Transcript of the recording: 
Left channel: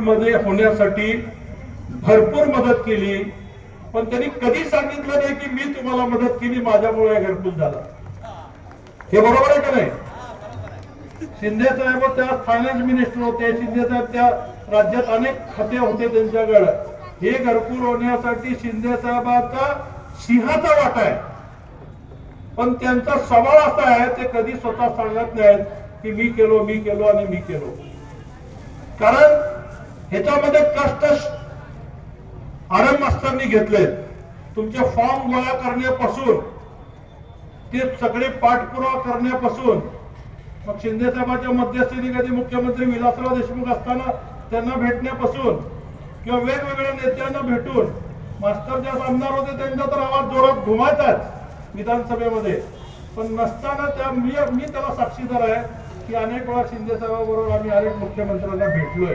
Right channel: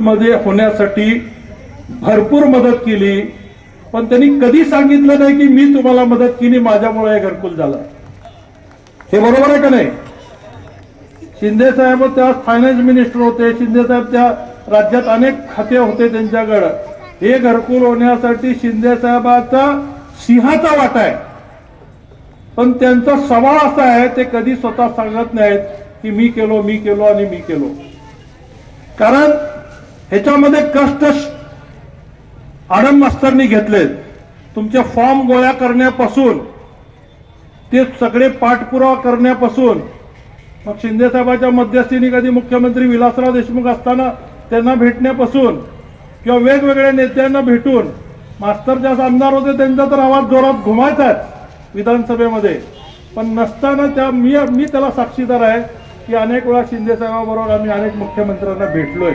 मध्ये होण्यासाठी भरपूर मदत केली, पण त्यांनी कधी सांगितलं नाही की मी तुम्हाला मदत केली, माझ्यामुळे घरकुल झालं. हे बरोबर आहे का नाही? शिंदे साहेब त्या फायनान्स मिनिस्टर होते, शिंदे साहेब त्या राज्यात अनेक खाते होते त्यांच्याकडे. हे घरकुल होण्यासाठी शिंदे साहेबांचा सिंहाचा वाटा आहे, पण त्यांचा स्वभाव असा आहे ते कधी स्वतः सांगत नाहीत की मी केलो आणि मी केलो. कारण ह्याच्यामध्ये कष्ट आनंद मास्तरनी घेतलेत. तुमचे फॉर्म गोळा करण्यापासून ते सगळे पाठपुरावा करण्यापासून, मग शिंदे साहेबांच्या मध्यस्थीने कधी मुख्यमंत्री विलासराव देशमुख असताना त्यांना भेटण्यापासून किंवा वेगवेगळ्या नेत्यांना भेटून, मास्तर ज्या आमदार होते त्यांचा तर आवाज जोरात घुमायचाच विधानसभेमध्ये, पण नसताना त्या मी त्याला साक्षीदार आहे की अनेक वेळा शिंदे साहेबांबरोबर आम्ही अनेक मुख्यमंत्र्यांना भेटलोय.